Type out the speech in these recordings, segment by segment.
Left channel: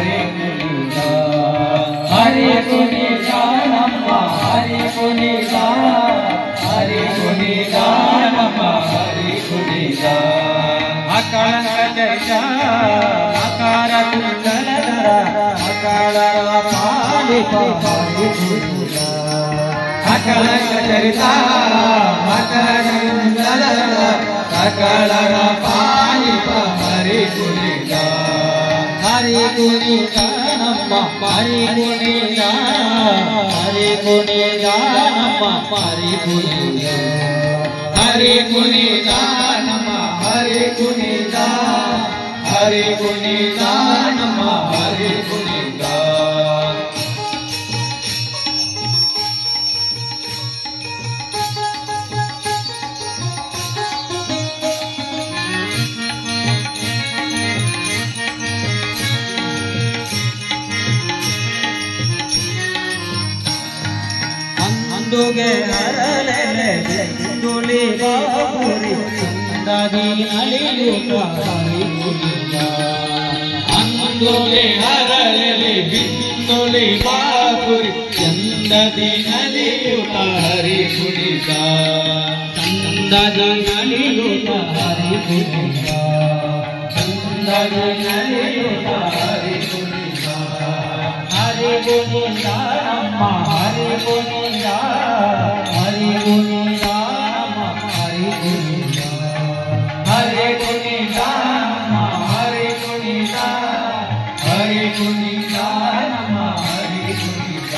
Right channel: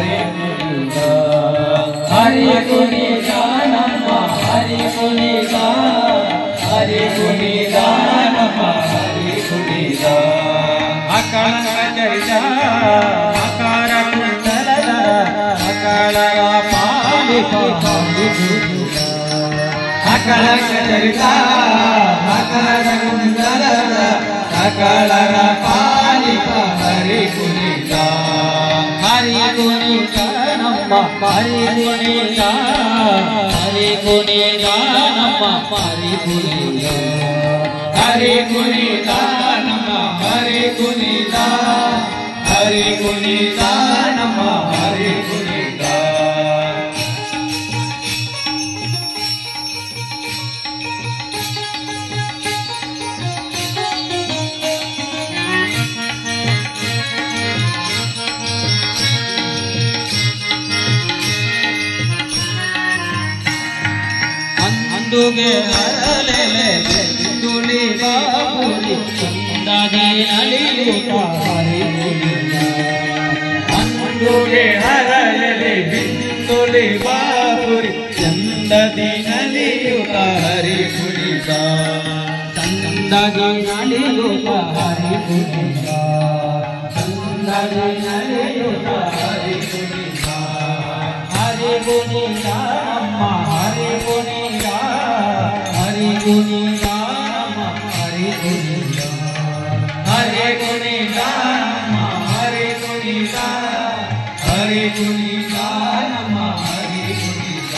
ಹರಿ ಕುಣಿತ ಹರಿ ಕುಣಿತ ನಮ್ಮ ಹರಿ ಕುಣಿತ ಹರಿ ಕುಣಿತ ನಮ್ಮ ಹರಿ ಕುಣಿತ ಅಕಳ ಚರಿತ ಅಕಾರ ಕುಂಡಲದ ಅಕಳ ಪಾಲಿಪ ಅಕಳ ಚರಿತ ಅಕಾರ ಕುಂಡಲದ ಅಕಳರ ಪಾಲಿಪ ಹರಿ ಕುಣಿತ ಹರಿ ಕುಣಿತ ನಮ್ಮ ಹರಿ ಕುಣಿತ ಹರಿ ಕುಣಿತ ನಮ್ಮ ಹರಿ ಕುಣಿತ ಹರಿ ಕುಣಿತ ನಮ್ಮ ಹರಿ ಕುಣಿತ ಹರಿ ಕುಣಿತ ನಮ್ಮ ಹರಿ ಕುಣಿತ ಗೆ ಹರಲೆ ತುಲಿ ಬಾಬುರಿ ಚಂದದಿ ಅಲಿಯುತ ಹರಿ ಕುಣಿತ ಅಂದುಗೆ ಹರಲೆ ಬಿಂದುಲಿ ಬಾಬುರಿ ಚಂದದಿ ಅಲಿಯುತ ಹರಿ ಕುಣಿತ ಚಂದದಿ ಅಲಿಯುತ ಹರಿ ಕುಣಿತ ಚಂದದಿ ಅಲಿಯುತ ಹರಿ ಕುಣಿತ ಹರಿ ಕುಣಿತ ನಮ್ಮ ಹರಿ ಕುಣಿತ ಹರಿ ಕುಣಿತ ನಮ್ಮ ಹರಿ ಕುಣಿತ ಹರಿ ಕುಣಿತ ನಮ್ಮ ಹರಿ ಕುಣಿತ ಹರಿ ಕುಣಿತ ನಮ್ಮ ಹರಿ ಕುಣಿತ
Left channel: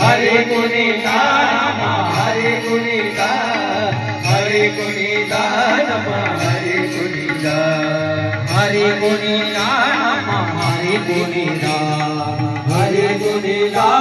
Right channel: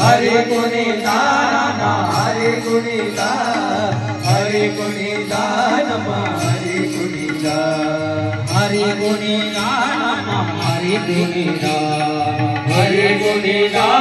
हरे कुणिता हरे कुणिता हरे कुणिता नमः हरे कुणिता Hare Kunita